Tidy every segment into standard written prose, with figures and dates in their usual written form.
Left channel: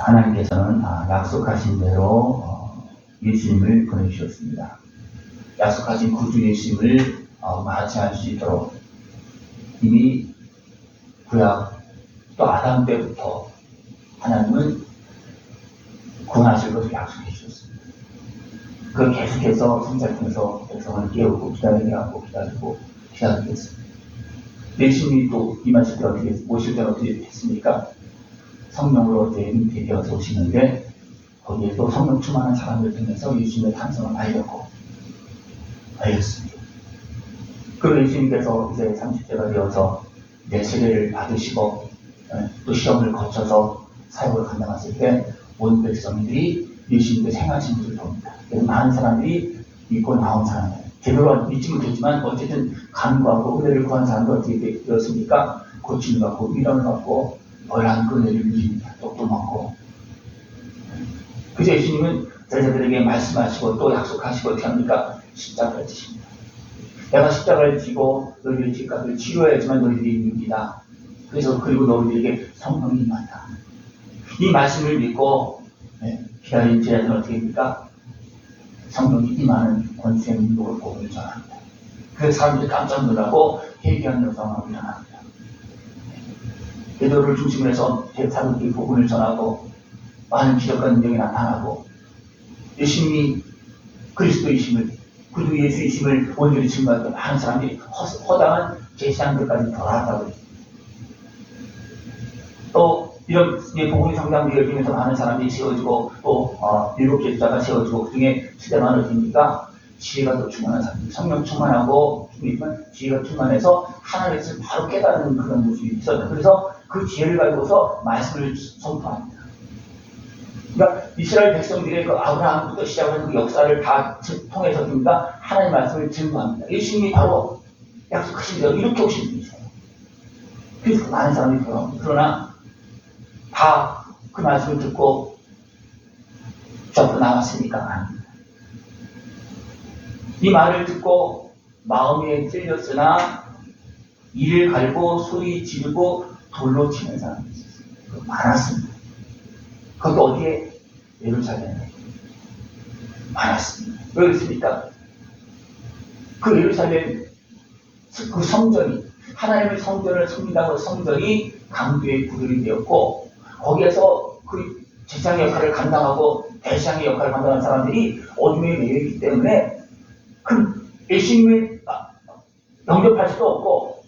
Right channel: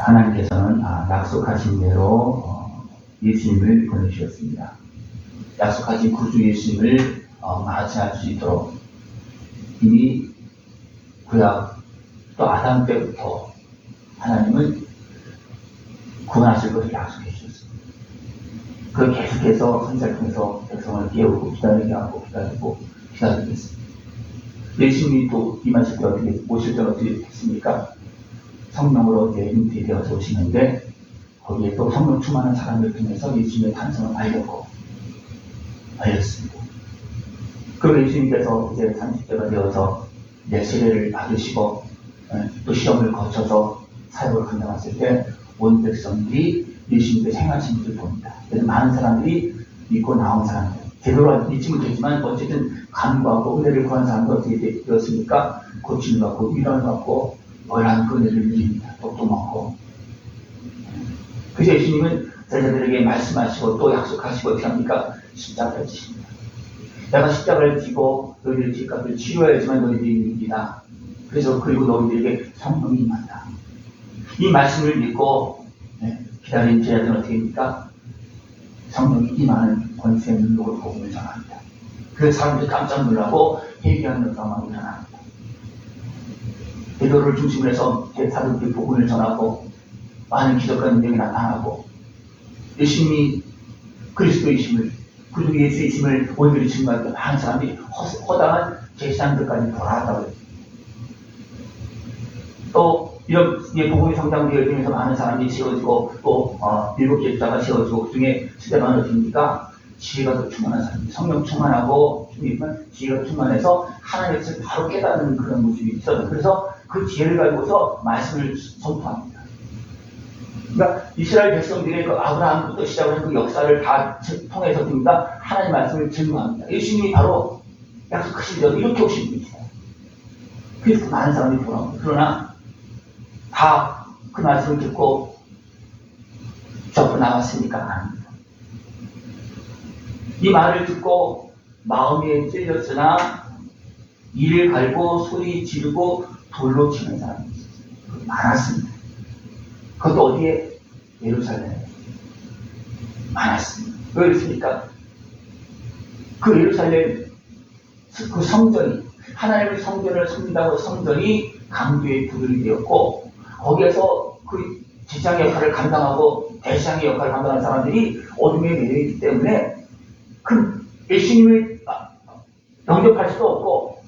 하나님께서는 약속하신 대로 예수님을 보내주셨습니다. 약속하신 구주 예수님을 맞이할 수 있도록 이미 구약 또 아담 때부터 하나님은 구원하실 것을 약속해 주셨습니다. 그 계속해서 선지자를 통해서 백성을 깨우고 기다리게 하고 기다리겠습니다. 예수님이 또 임하실 때 오실 때 어떻게 했습니까? 성령으로 이제 잉태되어서 오시는데 거기에 또 성령 충만한 사람을 통해서 예수님의 탄생을 알렸습니다. 그리고 예수님께서 이제 30대가 되어서 이제 세례를 받으시고 또 시험을 거쳐서 사역을 감당하실 때 온 백성들이 예수님의 생하신 것을 봅니다. 그래서 많은 사람들이 믿고 나온 사람들, 제대로 믿지 못했지만 어쨌든 간구하고 은혜를 구한 사람도 어떻게 되었습니까? 고침을 받고 위로를 받고 월한 그 은혜를 누립니다. 떡도 먹고. 그래서 예수님은 제자들에게 말씀하시고 또 약속하시고 어떻게 합니까? 십자가를 지십니다. 내가 십자가를 지고 너희들의 죄값을 치료해야지만 너희들이 믿기다. 그래서 그리고 너희들에게 성령이 임한다. 이 말씀을 믿고 기다린 제자들은 어떻게 합니까? 성령이 임하는 권세의 능력을 복음을 전합니다. 그 사람들이 깜짝 놀라고 회개하는 상황을 전합니다. 베드로를 중심으로 해서 제사장들이 복음을 전하고 많은 기적과 능력이 나타나고 예수님이 그리스도이심을 구주 예수이심을 온전히 증거했던 많은 사람들이 허다한 제사장들까지 돌아왔다고 했습니다. 또 이런 복음의 성당들이 열리면서 많은 사람들이 세워지고 또 7개 주자가 세워지고 그 중에 시대만 어디입니까? 지혜가 더 충만한 사람들, 성령 충만하고 지혜가 충만해서 하나님의 뜻을 바로 깨닫는 그런 모습이 있었어요. 그래서 그 지혜를 가지고서 말씀을 선포합니다. 그러니까 이스라엘 백성들의 그 아브라함부터 시작을 한 그 역사를 다 통해서 그러니까 하나님의 말씀을 증거합니다. 예수님이 바로 약속하신 대로 이렇게 오신 분이세요. 그래서 많은 사람들이 돌아옵니다. 그러나 다 그 말씀을 듣고 접어 나왔습니까? 아닙니다. 이 말을 듣고 마음에 찔렸으나 이를 갈고 소리 지르고 돌로 치는 사람이 있었어요. 많았습니다. 그것도 어디에? 예루살렘에 많았습니다. 왜 그렇습니까? 그 예루살렘 그 성전이 하나님의 성전을 섬긴다고 성전이 강도의 부들이 되었고 거기에서 그 제사장의 역할을 감당하고 대제사장의 역할을 감당하는 사람들이 어둠에 매여있기 때문에 그 예수님을 영접할 수도 없고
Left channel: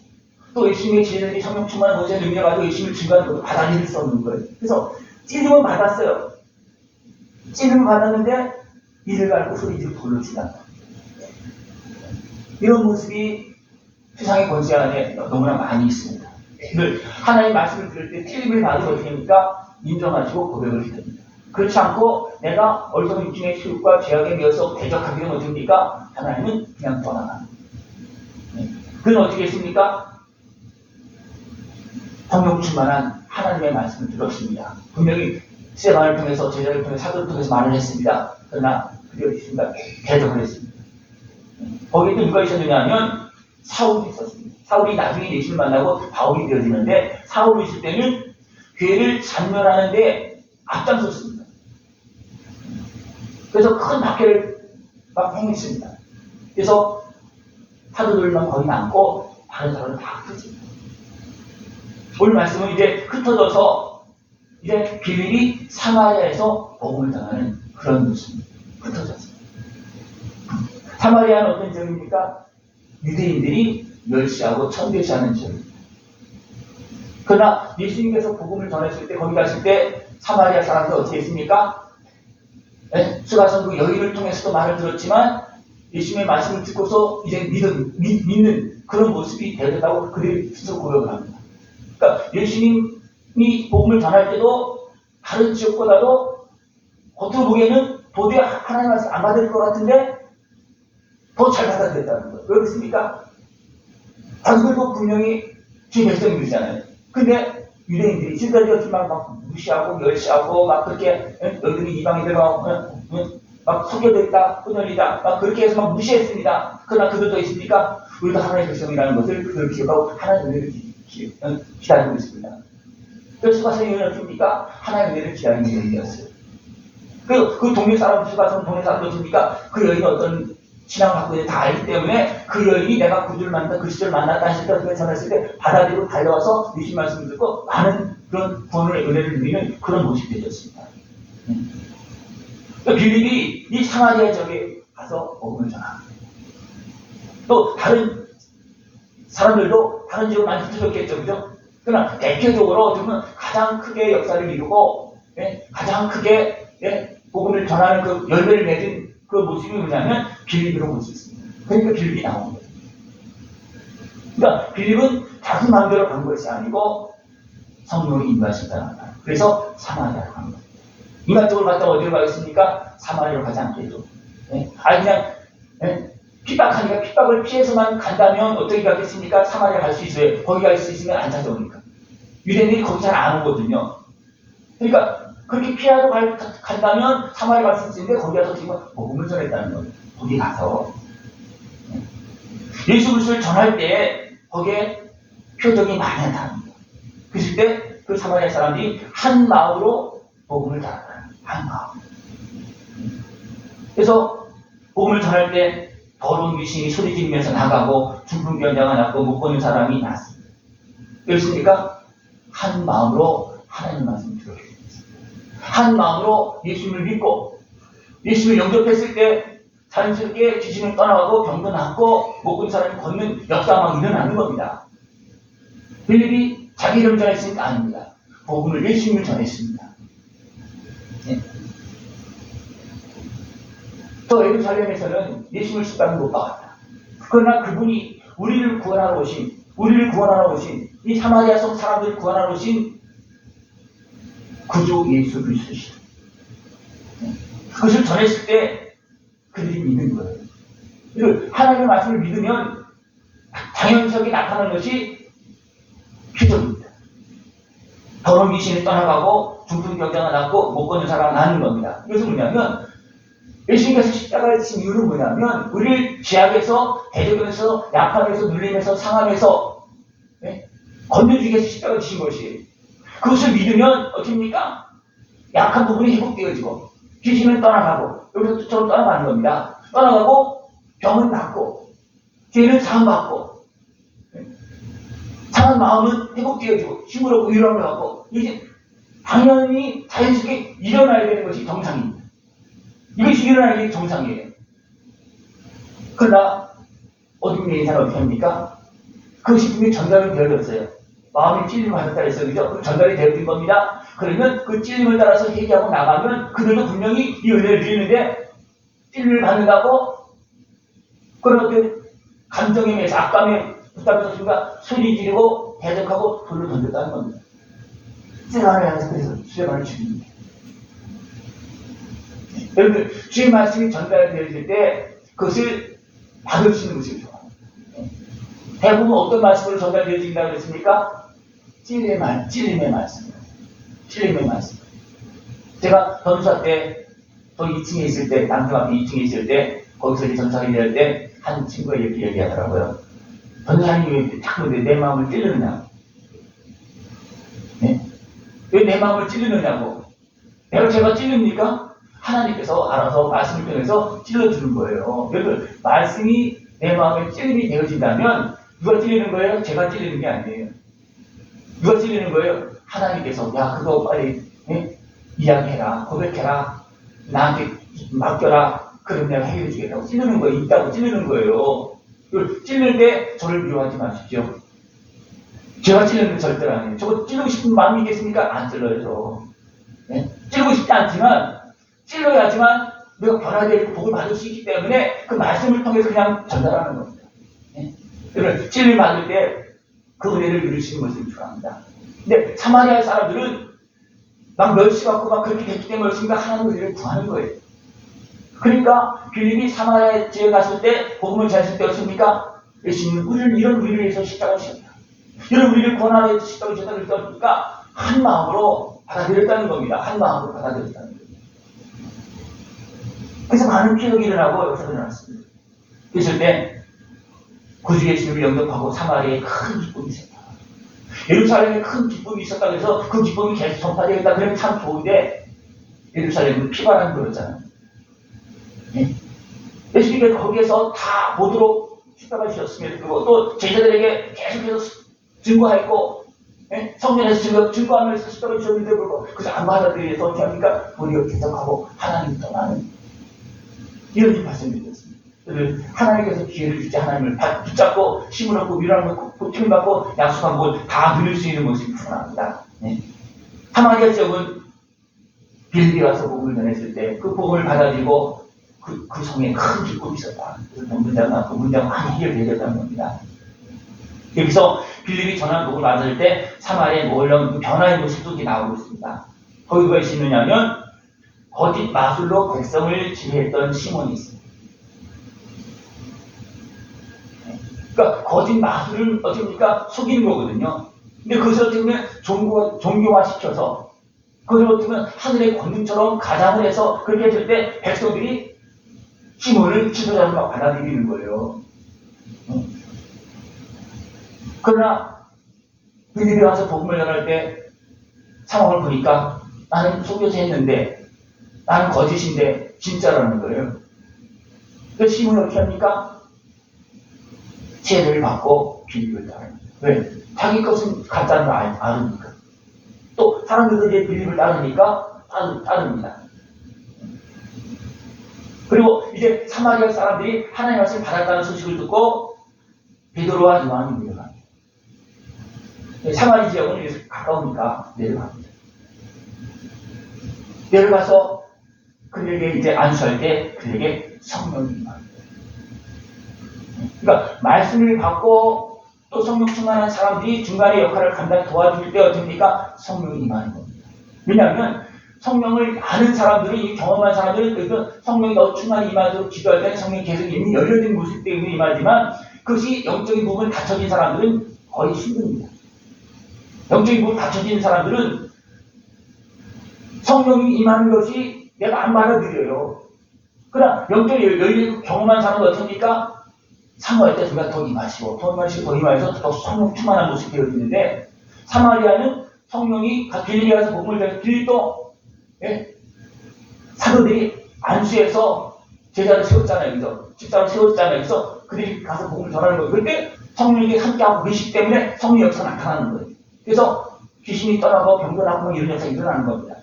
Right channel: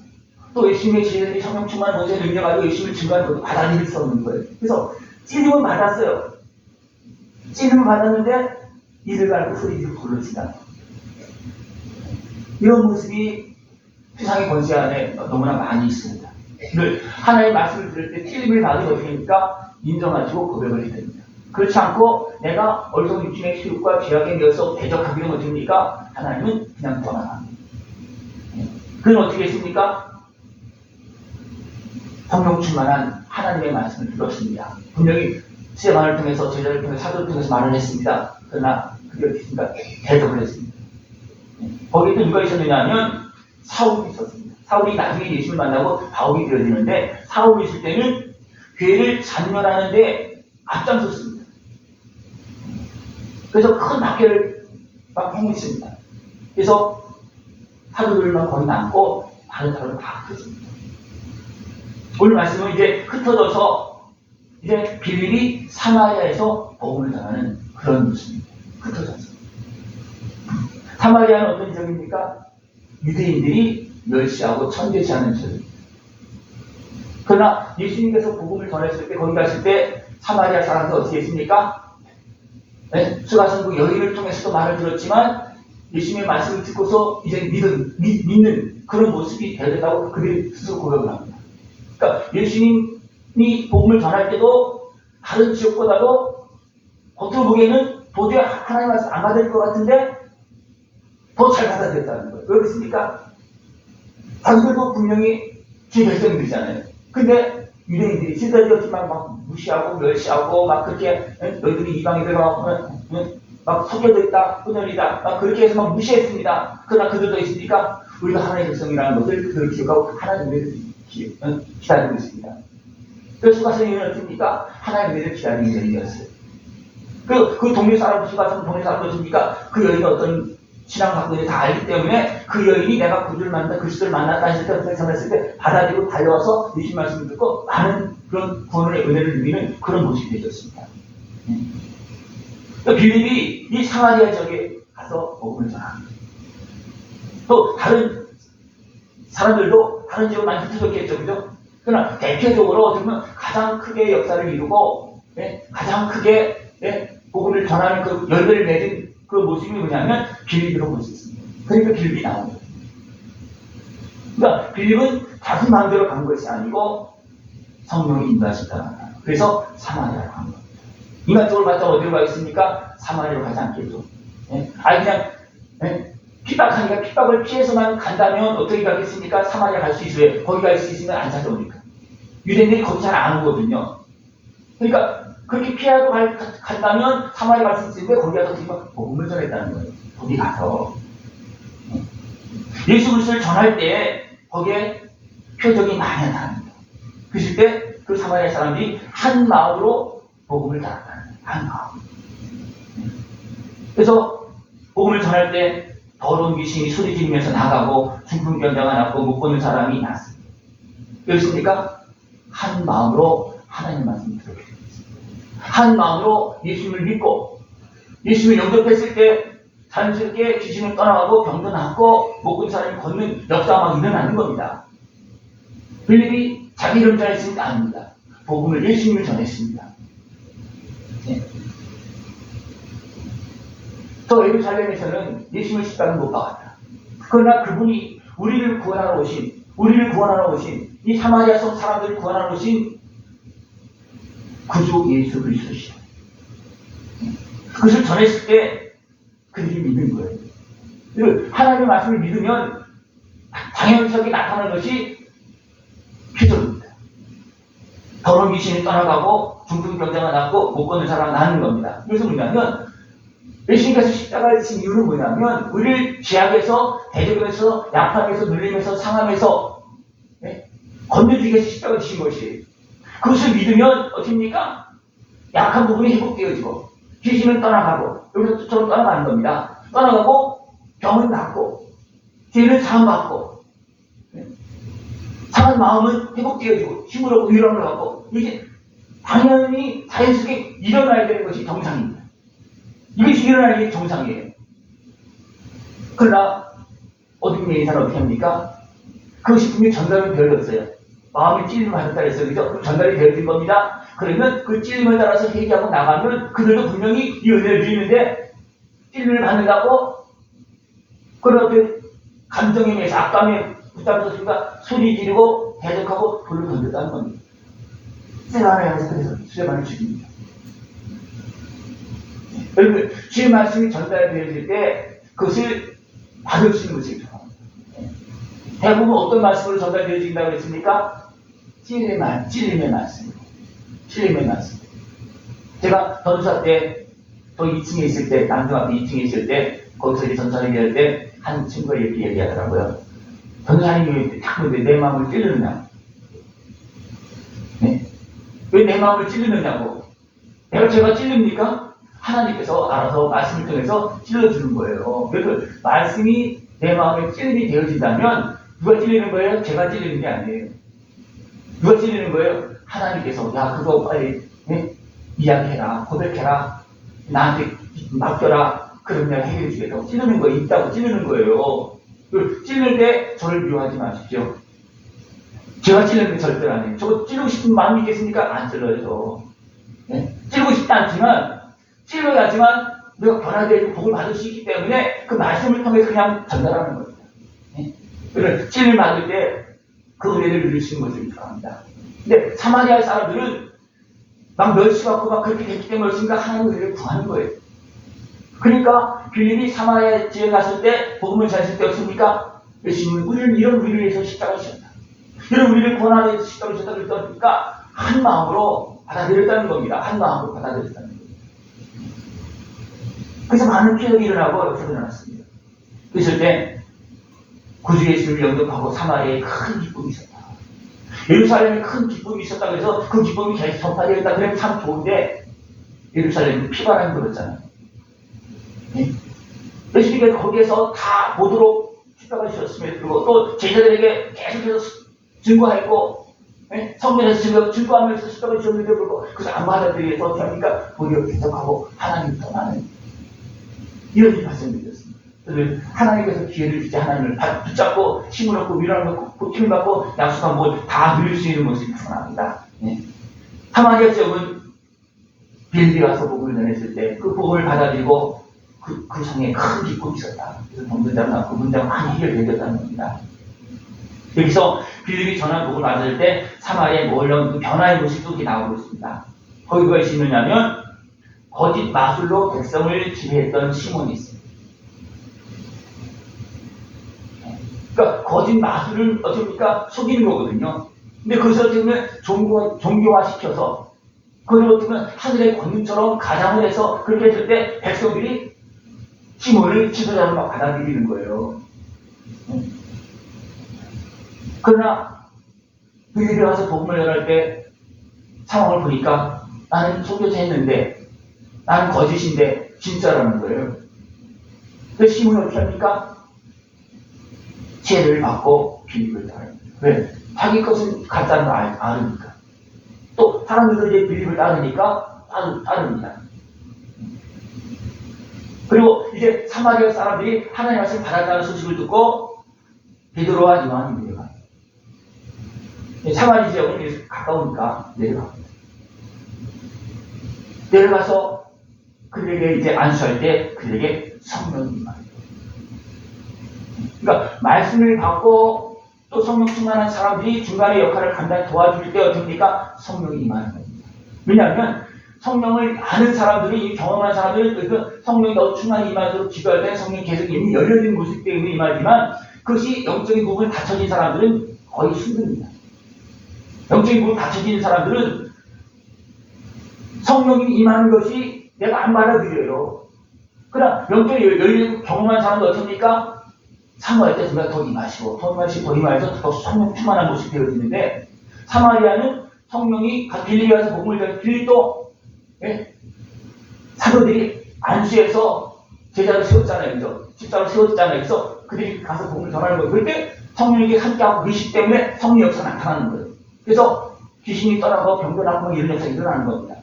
또 예수님의 지혜들이 성령 충만한 노제를 능력하고 예수님을 증거하는 것도 받아들일 수 없는 거예요. 그래서 찔림을 받았어요. 찔림을 받았는데 이를 갈고 소리지르고 돌로 치다. 이런 모습이 세상의 권세 안에 너무나 많이 있습니다. 하나님의 말씀을 들을 때 찔림을 받으면 어떻게 합니까? 인정하시고 고백을 해야 됩니다. 그렇지 않고 내가 어리석은 육신의 시육과 죄악에 매여서 대적하기는 어떻게 합니까? 하나님은 그냥 떠나갑니다. 그건 어떻게 했습니까? 성령 충만한 하나님의 말씀을 들었습니다. 분명히 스테반을 통해서 제자를 통해서 사도를 통해서 말을 했습니다. 그러나 그게 어떻게 했습니까? 대적을 했습니다. 거기에 또 누가 있었느냐 하면 사울이 있었습니다. 사울이 나중에 예수를 만나고 바울이 되어지는데 사울이 있을 때는 교회를 잔멸하는 데 앞장섰습니다. 그래서 큰 박해를 막 행했습니다. 그래서 사도들만 거의 남고 다른 사람은 다 흩어집니다. 오늘 말씀은 이제 흩어져서 이제 빌립이 사마리아에서 복음을 전하는 그런 모습입니다. 흩어졌어요. 사마리아는 어떤 지역입니까? 유대인들이 멸시하고 천대시하는 지역입니다. 그러나 예수님께서 복음을 전했을 때 거기 갔을 때 사마리아 사람들 어떻게 했습니까? 수가성 그 여인을 통해서도 말을 들었지만 예수님의 말씀을 듣고서 이제 믿는 그런 모습이 되었다고 그들이 스스로 고백을 합니다. 그러니까 예수님이 복음을 전할 때도 다른 지역보다도 겉으로 보기에는 도저히 하나님 말씀 안 받을 것 같은데 더 잘 받아들였다는 거예요. 왜 그렇습니까? 자기들도 분명히 주의 백성들이잖아요. 근데 유대인들이 지도자들이었지만 막 무시하고 멸시하고 막 그렇게 너희들이 이방인들 막 속여들다 혼혈이다 막 그렇게 해서 막 무시했습니다. 그러나 그들도 있으니까 우리가 하나님의 백성이라는 것을 그들 기억하고 하나님을 기다리고 있습니다. 수가성 여인은 어떻습니까? 하나님의 은혜를 기다리는 여인이었어요. 그 동네 사람, 수가성 동네 사람도 어떻습니까? 그 여인이 어떤 신앙을 갖고 있는지 다 알기 때문에 그 여인이 내가 구주를 만났다, 그리스도를 만났다 했을 때, 어떻게 전했을 때 받아들이고 달려와서 예수님 말씀을 듣고 많은 그런 구원의 은혜를 누리는 그런 모습이 되었습니다. 빌립이 이 사마리아 지역에 가서 복음을 전합니다. 또 다른 사람들도 다른 지역을 많이 흩어졌겠죠, 그죠? 그러나 대표적으로 어떻게 보면 가장 크게 역사를 이루고 가장 크게 복음을 전하는 그 열매를 맺은 그 모습이 뭐냐면 빌립이라고 볼 수 있습니다. 그러니까 빌립이 나온 거예요. 그러니까 빌립은 자기 마음대로 간 것이 아니고 성령의 인도하셨다. 그래서 사마리아로 간 겁니다. 이만쪽으로 갔다 어디로 가겠습니까? 사마리아로 가지 않겠죠. 아니 그냥 핍박하니까 핍박을 피해서만 간다면 어떻게 가겠습니까? 사마리아 갈 수 있어요. 거기 갈 수 있으면 안 찾아오니까. 유대인들이 거기 잘 안 오거든요. 그러니까 그렇게 피하러 간다면 사마리아 갈 수 있는데 거기 가서 지금 복음을 전했다는 거예요. 거기 가서 예수 그리스도를 전할 때 거기에 표적이 많이 나타납니다. 그랬을 때 그 사마리아 사람들이 한 마음으로 복음을 전한다는 거예요. 한 마음. 그래서 복음을 전할 때 더러운 귀신이 소리 지르면서 나가고 중풍병자가 났고 못 보는 사람이 났습니다. 그렇습니까? 한 마음으로 하나님 말씀을 들었게 됐습니다. 한 마음으로 예수님을 믿고 예수님을 영접했을 때 자연스럽게 귀신을 떠나가고 병도 낫고 못 본 사람이 걷는 역사가 막 일어나는 겁니다. 빌립이 자기 이름 전했으니까 아닙니다. 복음을 예수님을 전했습니다. 또 예루살렘에서는 예수님을 십자가에 못 박았다. 그러나 그분이 우리를 구원하러 오신 이 사마리아 속 사람들을 구원하러 오신 구주 예수 그리스도시다. 그것을 전했을 때 그들이 믿는 거예요. 하나님의 말씀을 믿으면 당연하게 나타나는 것이 표적입니다. 더러운 귀신이 떠나가고 중풍병자가 낫고 못 걷는 사람이 나는 겁니다. 그래서 뭐냐면 예수님께서 십자가를 지신 이유는 뭐냐면 우리를 죄악에서 대적에서 약함에서 눌림에서 상함에서 건져주기 위해서 십자가를 지신 것이에요. 그것을 믿으면 어떻습니까? 약한 부분이 회복되어지고 귀신은 떠나가고 여기서 뜻처럼 떠나가는 겁니다. 떠나가고 병은 낫고 죄는 사함받고 상한 마음은 회복되어지고 싱그럽고 위로를 갖고 이게 당연히 자연스럽게 일어나야 되는 것이 정상입니다. 이것이 일어나는 게 정상이에요. 그러나 어둠에 있는 사람은 어떻게 합니까? 그것이 분명히 전달이 되어졌어요. 마음이 찔림을 받았다 했어요. 그죠? 그럼 전달이 되어진 겁니다. 그러면 그 찔림을 따라서 회개하고 나가면 그들도 분명히 이 은혜를 누리는데 찔림을 받는다고 그런 감정에 매서 악감에 붙잡아서 순간 소리 지르고 대적하고 돌로 던졌다는 겁니다. 세상을 해서 그래서 수레만을 죽입니다. 여러분, 주의 말씀이 전달되어질 때 그것을 받을 수 있는 것이 좋아합니다. 대부분 어떤 말씀으로 전달되어진다고 했습니까? 찔림의 말씀. 찔림의 말씀. 제가 전사 때, 저 2층에 있을 때, 남중학교 2층에 있을 때, 거기서 이제 전사를 할 때, 한 친구가 이렇게 얘기하더라고요. 전사님이 딱 내 마음을 찔르느냐? 왜 내 마음을 찔르느냐고? 제가 찔릅니까? 하나님께서 알아서 말씀을 통해서 찔러주는 거예요. 그래서 말씀이 내 마음에 찔림이 되어진다면 누가 찔리는 거예요? 제가 찔리는 게 아니에요. 누가 찔리는 거예요? 하나님께서 야 그거 빨리 이야기해라, 고백해라, 나한테 맡겨라. 그럼 내가 해결해 주겠다고 찔르는 거 있다고 찔르는 거예요. 찔릴 때 저를 미워하지 마십시오. 제가 찔르는 게 절대로 아니에요. 저거 찔르고 싶은 마음이 있겠습니까? 안 찔러요. 찔르고 싶지 않지만 찔러야지만 내가 변화되고 복을 받을 수 있기 때문에 그 말씀을 통해서 그냥 전달하는 겁니다. 그래서 찔림 받을 때 그 은혜를 누리시는 것을 좋아합니다. 근데 사마리아 사람들은 막 멸시받고 막 그렇게 됐기 때문에 그렇습니까? 하나님의 은혜를 구하는 거예요. 그러니까 빌립이 사마리아 지역에 갔을 때 복음을 전했을 때였습니까? 예수님은 우리를 이런 우리를 위해서 십자가를 지셨다. 이런 우리를 구원하기 위해서 십자가를 지셨다고 그러니까 한 마음으로 받아들였다는 겁니다. 한 마음으로 받아들였다는 겁니다. 그래서 많은 피력이 일어나고 역사가 일어났습니다. 그랬을 때 구주 예수님을 영접하고 사마리아에 큰 기쁨이 있었다. 예루살렘에 큰 기쁨이 있었다고 해서 그 기쁨이 계속 전파되겠다 그러면 참 좋은데 예루살렘은 피바람이 불었잖아요. 예수님은 거기에서 다 보도록 십자가 지셨음에도 불구하고 또 제자들에게 계속해서 증거했고 성전에서 증거하면서 십자가 지셨는데 불구하고 그 안받아들이 위해서 어떻게 합니까? 도리어 기적하고 하나님 떠나는 이런 일이 발생되었습니다. 하나님께서 기회를 주지 하나님을 붙잡고 힘을 얻고 위로를 얻고 고침을 받고 약속한 것을 다 누릴 수 있는 모습이 충분합니다. 사마리아 지역은 빌립이 와서 복음을 전했을 때 그 복음을 받아들이고 그 성에 큰 기쁨이 있었다. 그래서 본문장은 그 문장 많이 해결되었다는 겁니다. 여기서 빌립이 전한 복음을 받을 때 사마리아에 몰려온 그 변화의 모습도 나오고 있습니다. 거기 누가 있느냐면 거짓 마술로 백성을 지배했던 시몬이 있습니다. 그러니까 거짓 마술을 어떻습니까? 속이는 거거든요. 근데 그것을 어떻게 보면 종교화시켜서 그걸 어떻게 보면 하늘의 권능처럼 가장을 해서 그렇게 했을 때 백성들이 시몬을 지도자로 막 받아들이는 거예요. 그러나 빌립이 와서 복음을 전할 때 상황을 보니까 나는 속여서 했는데 나는 거짓인데 진짜라는 거예요. 그래서 시몬이 어떻게 합니까? 죄를 받고 빌립을 따릅니다. 왜? 자기 것은 가짜는 걸 아니까. 또 사람들도 이제 빌립을 따르니까 따릅니다. 그리고 이제 사마리아 사람들이 하나님 말씀을 받았다는 소식을 듣고 베드로와 요한이 내려갑니다. 사마리 지역은 가까우니까 내려갑니다. 내려가서 그들에게 이제 안수할 때 그들에게 성령이 임합니다. 그러니까 말씀을 받고 또 성령 충만한 사람들이 중간에 역할을 감당해 도와줄 때 어떻습니까? 성령이 임하는 겁니다. 왜냐하면 성령을 아는 사람들이 경험한 사람들은 그 성령이 더 충만히 임하도록 기도할 때는 성령이 계속 이미 열려진 모습 때문에 임하지만 그것이 영적인 부분이 닫혀진 사람들은 거의 힘듭니다. 영적인 부분이 닫혀진 사람들은 성령이 임하는 것이 내가 안 받아들여요. 그러나 영적인 열린 경험한 사람은 어떻습니까? 사모할 때 제가 더 임하시고 더 임하셔서 더 성령 충만한 모습이 되어지는데 사마리아는 성령이 빌립이 와서 복음을 전해 빌립도 사도들이 안수해서 제자를 세웠잖아요. 그래서 집사로 세웠잖아요. 그래서 그들이 가서 복음을 전하는 거예요. 그때 성령이 함께하고 계시기 때문에 성령 역사가 나타나는 거예요. 그래서 귀신이 떠나고 병도 나고 이런 역사가 일어나는 겁니다.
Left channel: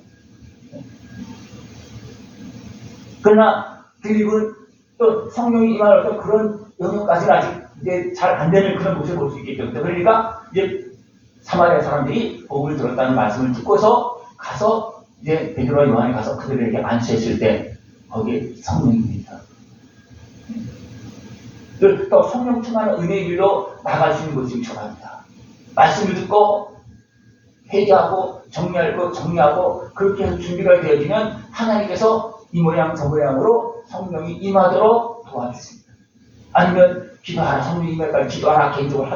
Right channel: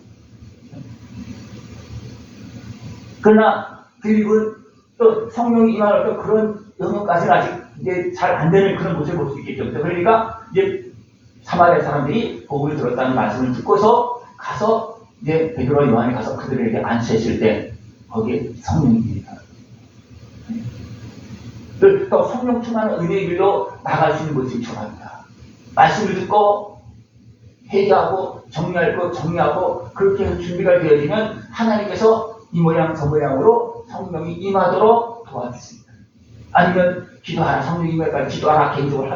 그러나 빌립은 또 성령이 임하는 그런 영역까지는 아직 이제 잘 안 되는 그런 모습을 볼 수 있겠죠. 그러니까 이제 사마리아 사람들이 복음을 들었다는 말씀을 듣고서 가서 이제 베드로와 요한이 가서 그들에게 안수했을 때 거기에 성령이 임했다. 또 성령 충만한 은혜의 길로 나아갈 수 있는 모습이 중요합니다. 말씀을 듣고 회개하고 정리하고 그렇게 해서 준비가 되어지면 하나님께서 이 모양 저 모양으로 성령이 임하도록 도와주십니다. 아니면 기도하라, 성령이 임할까 기도하라 개인적으로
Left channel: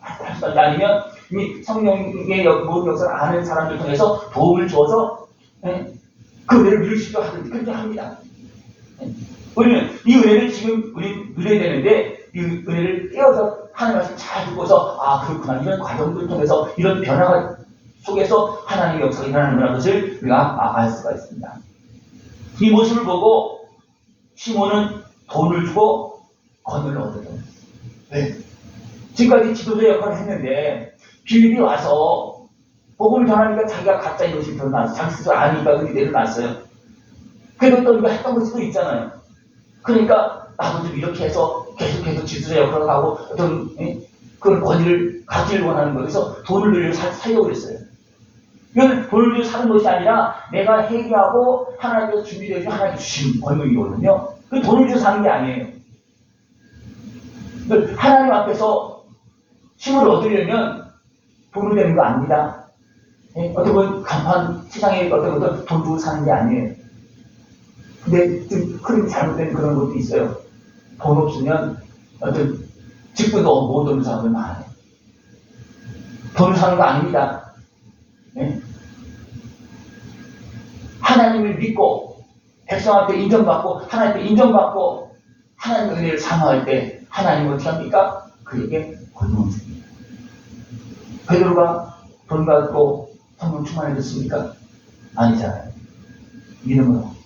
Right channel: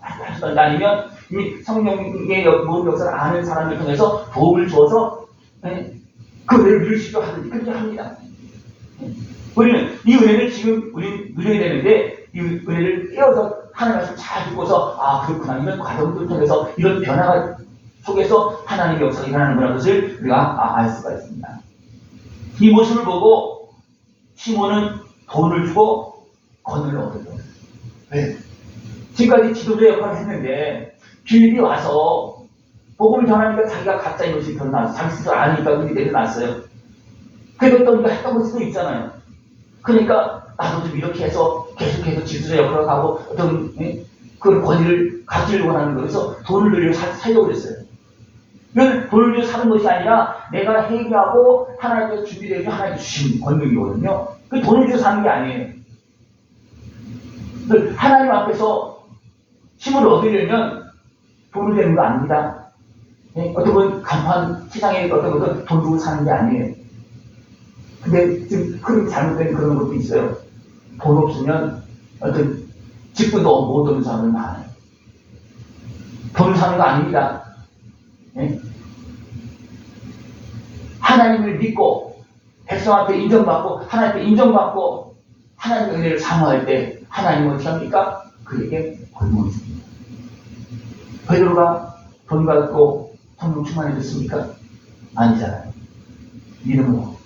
하시던지 아니면 이미 성령의 모든 역사를 아는 사람을 통해서 도움을 주어서 그 은혜를 누릴 수 있도록 하든지 그렇게 합니다. 우리는 이 은혜를 지금 우리 누려야 되는데 이 은혜를 깨워서 하나님 말씀 잘 듣고서 아 그렇구나 이런 과정들을 통해서 이런 변화가 속에서 하나님의 역사가 일어나는구나 것을 우리가 알 수가 있습니다. 이 모습을 보고 시몬은 돈을 주고 권을 얻었죠. 네. 지금까지 지도자 역할을 했는데 빌립이 와서 복음을 전하니까 자기가 가짜인 것이 드러났어. 자기 스스로 아니까 그게 내려놨어요. 그래도 또 우리가 했던 것도 있잖아요. 그러니까 나도 좀 이렇게 해서 계속해서 지도자 역할을 하고 어떤 그런 권위를 갖기를 원하는 거에서 돈을 들여 살려고 그랬어요. 이건 돈을 들여 사는 것이 아니라 내가 회개하고 하나님께서 준비되어 하나님께 주신 권능이거든요. 그 돈을 들여 사는 게 아니에요. 하나님 앞에서 힘을 얻으려면 돈을 되는 거 아닙니다. 어떻게 보면 간판 세상에 어떤 것도 돈 주고 사는 게 아니에요. 근데 좀 큰 잘못된 그런 것도 있어요. 돈 없으면 어떤 집도 못 얻는 사람들 많아요. 돈을 사는 거 아닙니다. 하나님을 믿고 백성 앞에 인정받고 하나님 앞에 인정받고 하나님의 은혜를 사모할 때 하나님은 어떻게 합니까? 그에게 권능을 줍니다. 베드로가 돈 받고 성령 충만해졌습니까? 아니잖아요. 믿음으로.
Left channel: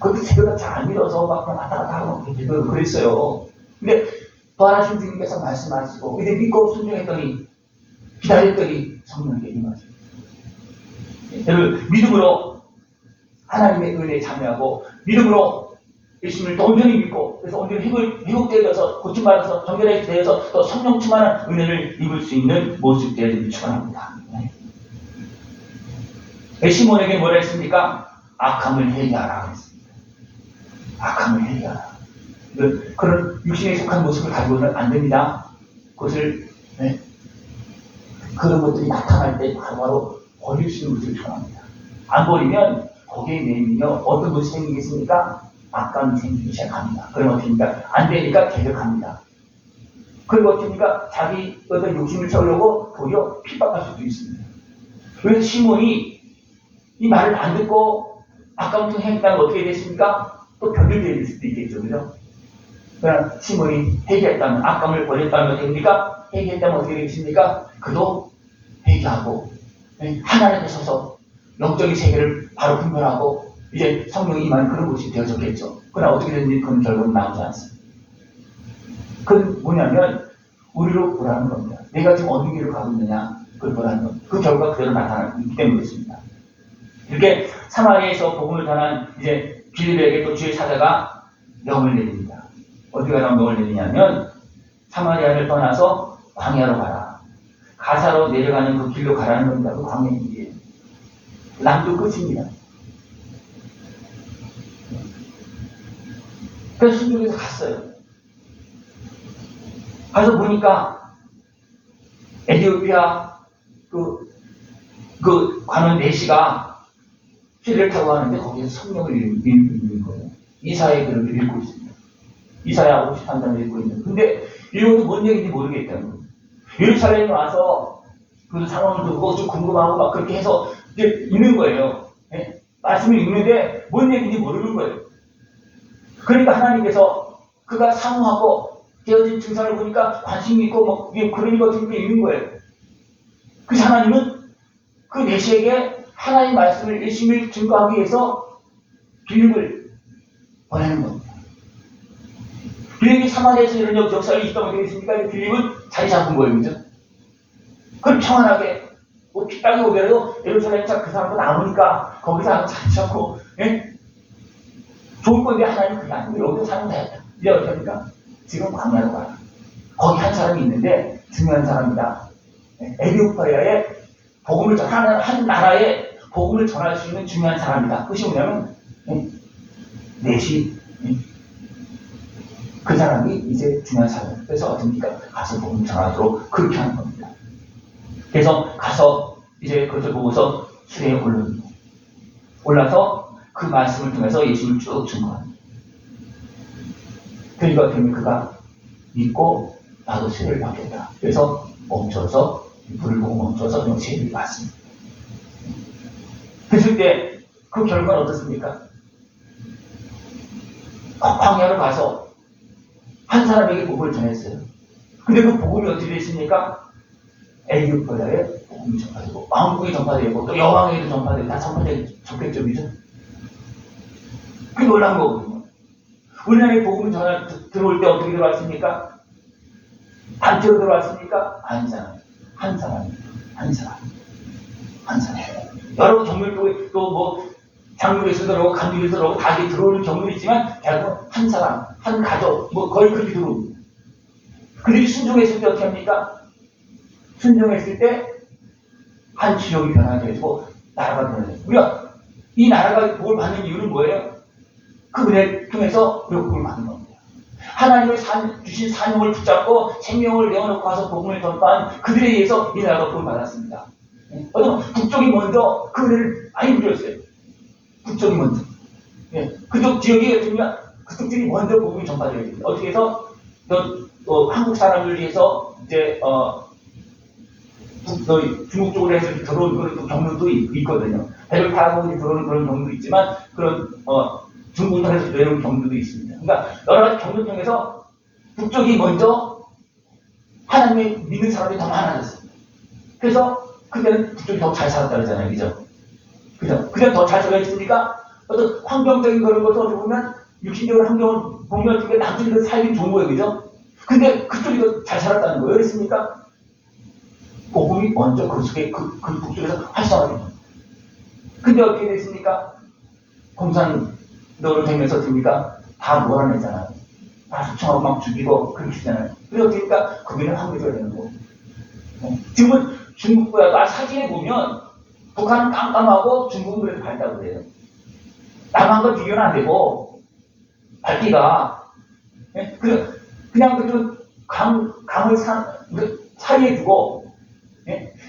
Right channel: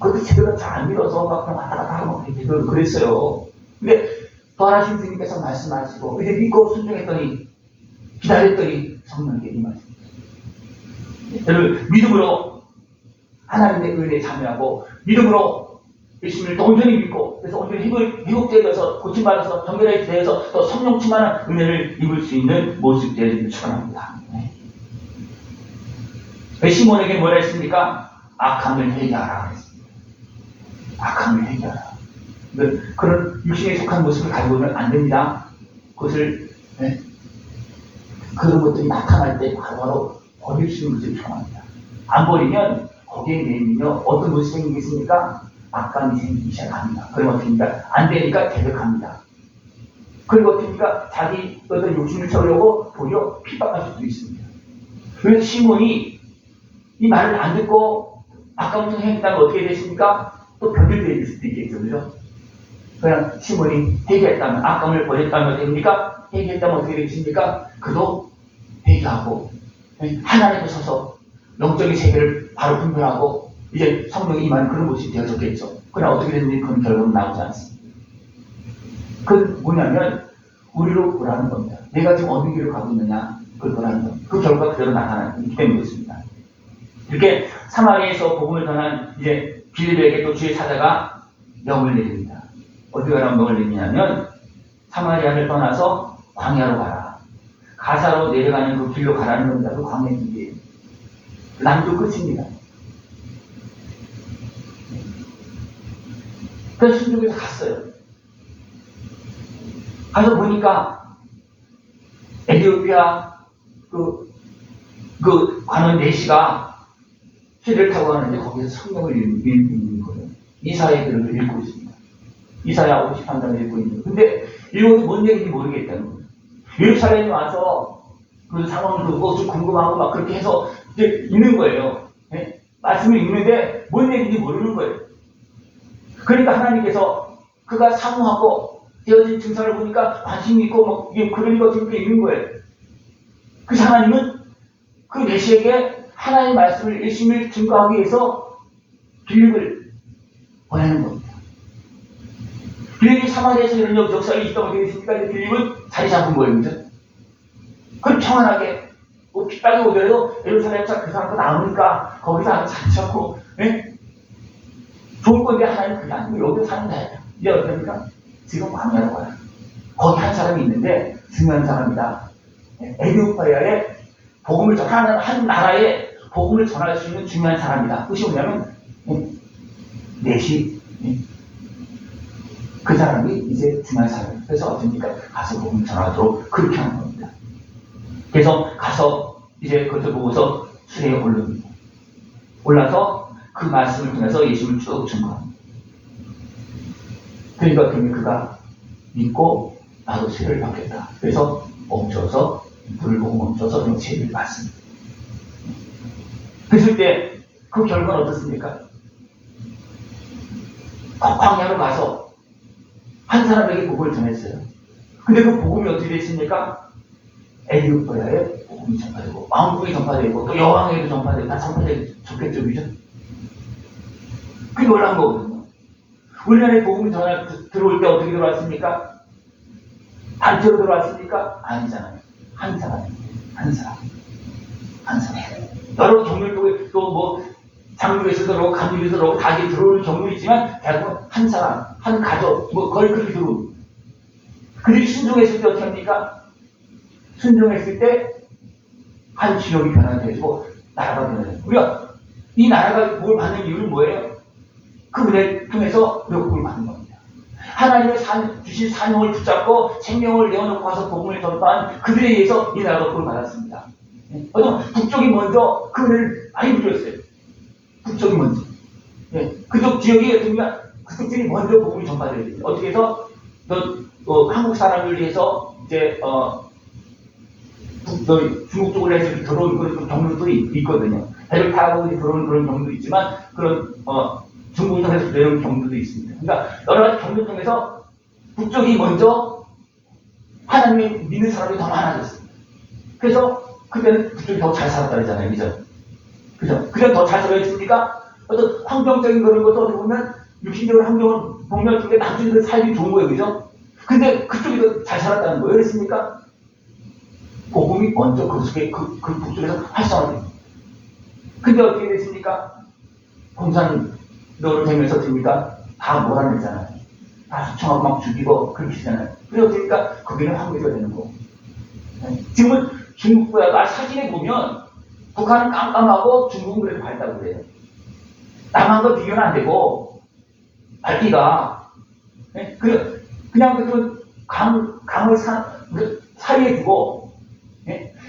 그것도 제가 잘 안 믿어서 막 그냥 왔다 갔다 하고 그랬어요. 근데 또 하나 주님께서 말씀하시고 이제 믿고 순종했더니 기다렸더니 성령에게 임하십니다. 믿음으로 하나님의 은혜에 참여하고 믿음으로 예수님을 온전히 믿고 그래서 온전히 회복되어서 고침받아서 정결하게 되어서 또 성령 충만한 은혜를 입을 수 있는 모습들을 축원합니다. 시몬에게 뭐라 했습니까? 악함을 회개하라 했습니다. 악함을 회개하라. 그런 육신에 속한 모습을 가지고는 안 됩니다. 그것을 그런 것들이 나타날 때 바로바로 버릴 수 있는 것을 축원합니다. 안 버리면 거기에 내면요 어떤 것이 생기겠습니까? 악감이 생기기 시작합니다. 그럼 어떻게 합니까? 안 되니까 개벽합니다. 그리고 어떻게 합니까? 자기 어떤 욕심을 채우려고 도리어 핍박할 수도 있습니다. 그래서 시몬이 이 말을 안 듣고 악감을 행했다면 어떻게 됐습니까? 또 변질될 수도 있겠죠. 그죠? 그러나 시몬이 회개했다면 악감을 버렸다면 어떻게 됩니까? 회개했다면 어떻게 되겠습니까? 그도 회개하고 하나님께 서서 영적인 세계를 바로 분별하고 이제 성령이 임하는 그런 모습이 되어졌겠죠. 그러나 어떻게 됐는지 그런 결과는 나오지 않습니다. 그건 뭐냐면 우리로 보라는 겁니다. 내가 지금 어느 길을 가고 있느냐 그걸 보라는 겁니다. 그 결과가 그대로 나타나기 때문에 그렇습니다. 이렇게 사마리아에서 복음을 전한 이제 빌립에게 또 주의 사자가 명을 내립니다. 어떻게 하면 명을 내리냐면 사마리아를 떠나서 광야로 가라. 가사로 내려가는 그 길로 가라는 겁니다. 그 광야의 길이에요. 남도 끝입니다. 그래서 순종해서 갔어요. 가서 보니까 에티오피아 그 관원 내시가 시를 타고 가는데 거기서 성경을 읽는 거예요. 이사야의 글을 읽고 있습니다. 이사야 53장을 읽고 있는 거예요. 근데 이것도 뭔 얘기인지 모르겠다는 거예요. 예루살렘에 와서 그 상황을 듣고 좀 궁금하고 막 그렇게 해서 이제 읽는 거예요. 네? 말씀을 읽는데 뭔 얘기인지 모르는 거예요. 그러니까 하나님께서 그가 사모하고 되어진 증상을 보니까 관심이 있고 뭐 그러니까 그렇게 읽는 거예요. 그래서 하나님은 그 메시에게 하나님의 말씀을 열심히 증거하기 위해서 빌립을 보내는 겁니다. 빌립이 사마리아에서 이런 역사를 있다고 되겠습니까? 빌립은 자리 잡은 거예요. 그죠? 그럼 평안하게 뭐 핍박이 오더라도 예루살렘에서 그 사람도 나오니까 거기서 아주 잔치하고 좋을 건데 하나님 그게 아니고 여기서 사는 돼. 이제 어떻게 합니까? 지금 광야로 가요. 거기 한 사람이 있는데 중요한 사람이다. 에티오피아에 복음을 전하는 한 나라에 복음을 전할 수 있는 중요한 사람이다. 그것이 뭐냐면 내시 그 사람이 이제 중요한 사람이에요. 그래서 어떻습니까? 가서 복음을 전하도록 그렇게 하는 겁니다. 그래서 가서 이제 그것을 보고서 수레에 올릅니다. 올라서 그 말씀을 통해서 예수님을 쭉 증거합니다. 그러니까 그가 믿고 나도 세를 받겠다. 그래서 멈춰서 불을 보고 멈춰서 그냥 세를 받습니다. 그랬을 때 그 결과는 어떻습니까? 광야로 가서 한 사람에게 복음을 전했어요. 근데 그 복음이 어떻게 됐습니까? 에티오피아에 복음이 전파되고 왕국에 전파되고 또 여왕에도 전파되고 다 전파됐죠. 그죠? 그게 놀라운 거거든요. 우리나라에 복음이 들어올 때 어떻게 들어왔습니까? 단체로 들어왔습니까? 아니잖아요. 한 사람입니다. 한 사람. 여러 경륜도 또 뭐 장로에서 들어오고 감리에서 들어오고 다 들어오는 경우도 있지만 대학교 한 사람, 한 가족 뭐 거의 그렇게 들어옵니다. 그들이 순종했을 때 어떻게 합니까? 순종했을 때 한 지역이 변화되고 나라가 변화돼요. 우리가 이 나라가 뭘 받는 이유는 뭐예요? 그 은혜 통해서 복음을 받는 겁니다. 하나님의 주신 사명을 붙잡고 생명을 내어놓고 와서 복음을 전파한 그들에 의해서 이 나라가 복음을 받았습니다. 어떤 북쪽이 먼저 그 은혜를 많이 누렸어요. 북쪽이 먼저. 그쪽 지역이 어떻습니까? 그쪽 지역이 먼저 복음이 전파되어야 됩니다. 어떻게 해서 한국 사람을 위해서 이제 중국 쪽으로 해서 들어오는 그런 경로도 있거든요. 배를 타고 들어오는 그런 경우도 있지만 그런 중국을 통해서 내려오는 경우도 있습니다. 그러니까 여러 가지 경로를 통해서 북쪽이 먼저 하나님을 믿는 사람이 더 많아졌습니다. 그래서 그러면 그쪽이 더 잘 살았다 그러잖아요. 그죠? 그죠? 그냥 더 잘 살아야겠습니까? 어떤 환경적인 그런 것을 어떻게 보면 육신적인 환경을 보면 어떻게 남쪽이 더 살기 좋은 거예요. 그죠? 근데 그쪽이 더 잘 살았다는 거예요. 그랬습니까? 복음이 먼저 그 속에 그 북쪽에서 활성화됩니다. 근데 어떻게 됐습니까? 공산노로 되면서 됩니까? 다 몰아내잖아요. 다 합청하고 막 죽이고 그렇게 되잖아요. 그래서 어떻습니까? 거기는 황무지가 되는 거고. 지금은 중국보다 사진에 보면 북한은 깜깜하고 중국은 그래도 밝다고 그래요. 남한과 비교는 안 되고 밝기가 그냥 그 강을 사이에 두고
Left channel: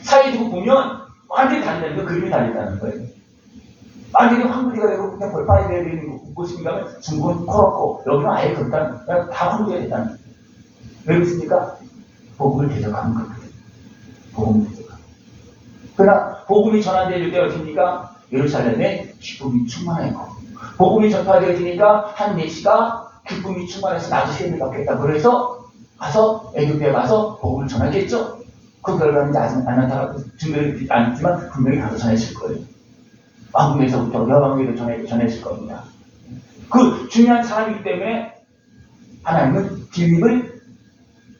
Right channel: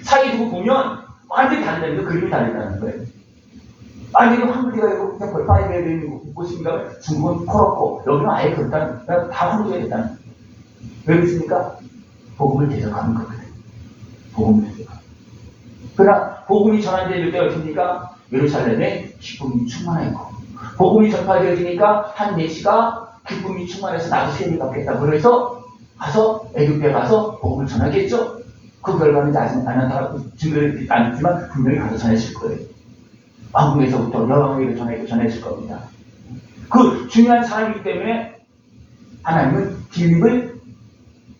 사이에 두고 보면 완전히 다르다는 거, 그림이 다르다는 거예요. 완전히 황무지가 되고 그냥 벌판이 되는 곳입니까? 중국은 코렇고 여기는 아예 그렇다는 다 황무지가 됐다는 거예요. 왜 그렇습니까? 복음을 대적하는 거거든요. 복음을 대적하는. 그러나 복음이 전환될 때 어떻습니까? 예루살렘에 기쁨이 충만했고 복음이 전파되어지니까 한 내시가 기쁨이 충만해서 나도 세례를 받겠다. 그래서 가서 애굽에 가서 복음을 전하겠죠. 그 결과는 이제 아직 안 나타나고 증거를 안 했지만 분명히 가서 전했을 거예요. 왕궁에서부터 여왕에게 전했을 겁니다. 그 중요한 사람이기 때문에 하나님은 빌립을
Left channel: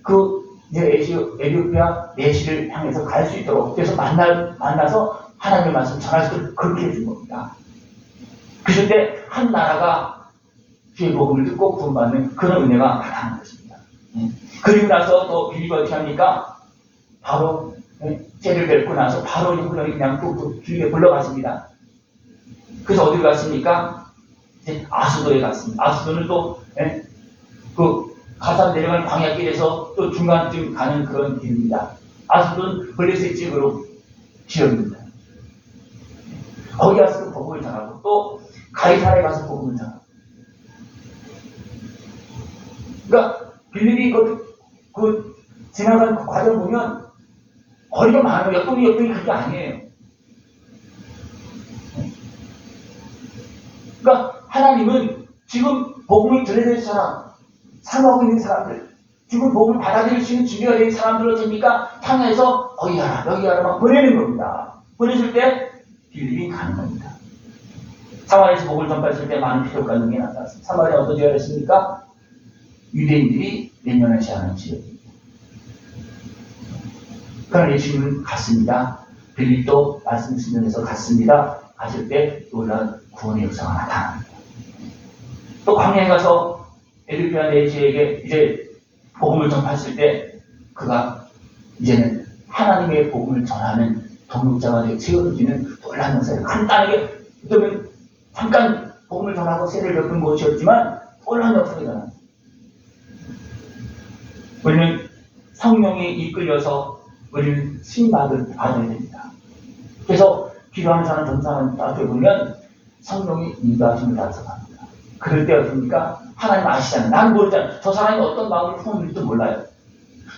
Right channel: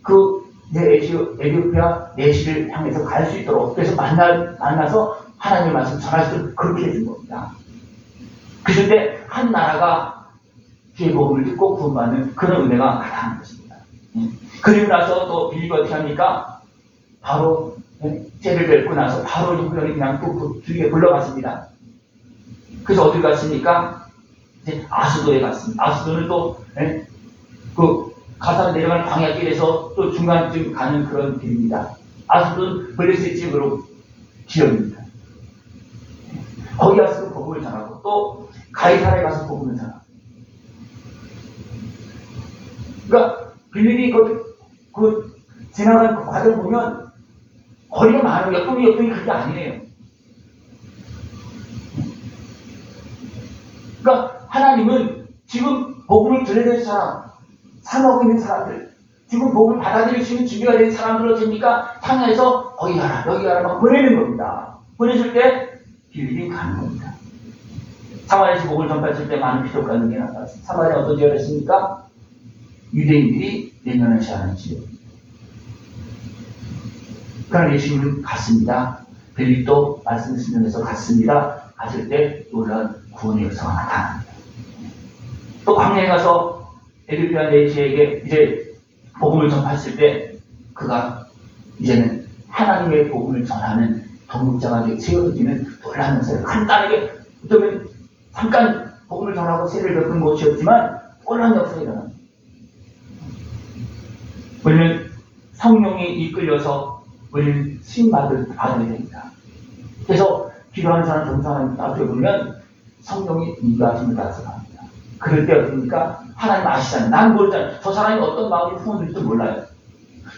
그 에티오피아 내시를 향해서 갈 수 있도록 그래서 만나서 하나님의 말씀 전할 수 있도록 그렇게 해준 겁니다. 그럴 때 한 나라가 주의 복음을 듣고 구원받는 그런 은혜가 나타나는 것입니다. 그리고 나서 또 빌립이 어떻게 합니까? 바로 죄를 뵙고 나서 바로 형들이 그냥 또 주위에 불러갔습니다. 그래서 어디 갔습니까? 아수도에 갔습니다. 아수도는 또 그 가산 내려가는 광야길에서 또 중간쯤 가는 그런 길입니다. 아수도는 블레셋 집으로 지역입니다. 거기 가서 복음을 전하고 또 가이사라에 가서 복음을 전하고. 그러니까 빌립이 그 지나간 그 과정을 보면 거리가 많아요. 역동이 그게 아니에요. 그러니까 하나님은 지금 복음을 전해낼 사람, 사모하고 있는 사람들, 지금 복음을 받아들일 수 있는 준비가 된 사람들로 됩니까? 향해서 거기 가라, 여기 가라만 보내는 겁니다. 보내줄 때 빌립이 가는 겁니다. 사마리아에서 복음을 전파했을 때 많은 피로가 있는 게 나타났습니다. 사마리아 어떤 지역이었습니까? 유대인들이 내면하지 않은 지역입니다. 그러나 예수님은 갔습니다. 빌립도 말씀을 쓰면서 갔습니다. 갔을 때 놀라운 구원의 역사가 나타납니다. 또 광야에 가서 에티오피아 내시에게 이제 복음을 전파했을 때 그가 이제는 하나님의 복음을 전하는 동역자가 되어 세워지는 놀라운 역사를 간단하게 어쩌면 잠깐 복음을 전하고 세례를 베푼 것이었지만 놀라운 역사가 일어납니다. 우리는 성령이 이끌려서 우리는 수임받을 받아야 됩니다. 그래서 기도하는 사람, 전사하는 앞에 보면 성령이 인도하심을 따라서 갑니다. 그럴 때 어떻습니까? 하나님 아시잖아요. 난 모르잖아요. 저 사람이 어떤 마음을 품었는지도 몰라요.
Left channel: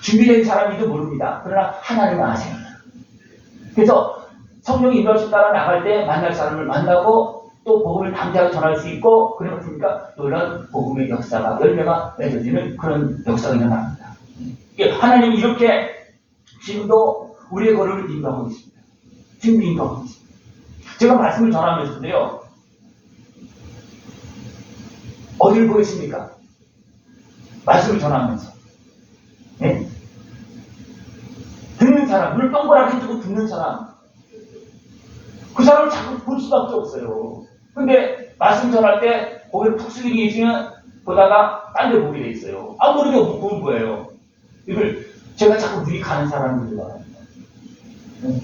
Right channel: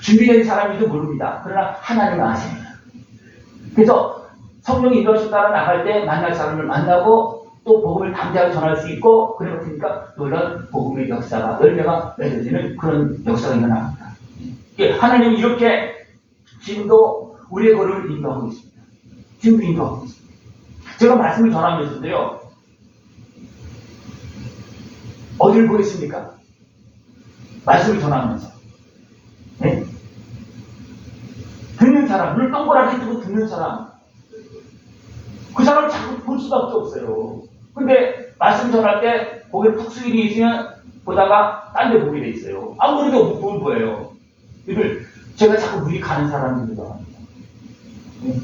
준비된 사람인지도 모릅니다. 그러나 하나님은 아십니다. 그래서 성령이 인도하심 따라 나갈 때 만날 사람을 만나고 또 복음을 담대하게 전할 수 있고 그래 어떻습니까? 놀라운 복음의 역사가 열매가 맺어지는 그런 역사가 일어납니다. 하나님이 이렇게 지금도 우리의 걸음을 인도하고 있습니다. 지금도 인도하고 있습니다. 제가 말씀을 전하면서도요. 어디를 보겠습니까? 말씀을 전하면서. 네? 듣는 사람, 눈을 동그랗게 뜨고 듣는 사람. 그 사람을 자꾸 볼 수밖에 없어요. 근데 말씀 전할 때 고개를 푹 숙이고 있으면 보다가 딴 데 보게 돼 있어요. 아무리 못 보는 거예요. 이걸 제가 자꾸 눈이 가는 사람들도 많습니다.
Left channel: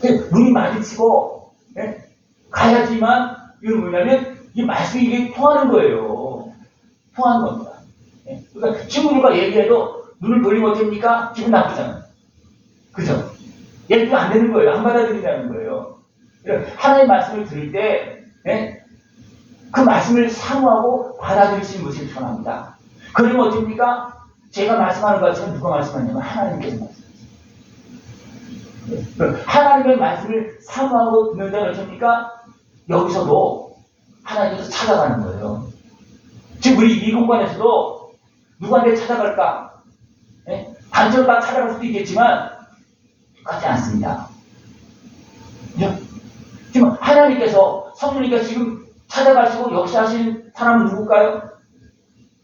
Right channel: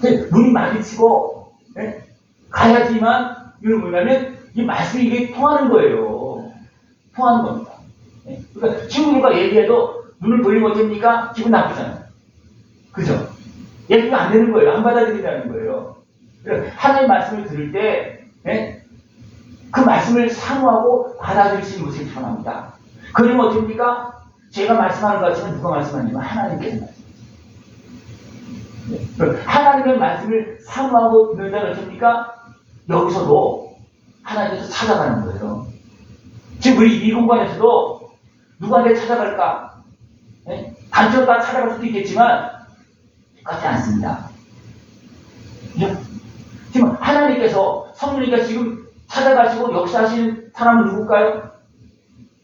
네? 눈이 마주치고 네? 가야지만 이건 뭐냐면 이 말씀이 이게 통하는 거예요. 통하는 겁니다. 네? 그러니까 친구들과 얘기해도 눈을 돌리면 어떻습니까? 기분 나쁘잖아요. 그죠? 얘기가 안 되는 거예요. 안 받아들이라는 거예요. 하나님의 말씀을 들을 때, 네? 그 말씀을 사모하고 받아들일 수 있는 것이 필요합니다. 그러면 어떻습니까? 제가 말씀하는 것 같지만 누가 말씀하냐면 하나님께서 말씀하십니다. 네? 하나님의 말씀을 사모하고 듣는 자는 어떻습니까? 여기서도 하나님께서 찾아가는 거예요. 지금 우리 이 공간에서도 누구한테 찾아갈까? 네? 단체로 다 찾아갈 수도 있겠지만 똑같지 않습니다. 그죠? 지금 하나님께서 성령님께서 지금 찾아가시고 역사하시는 사람은 누굴까요?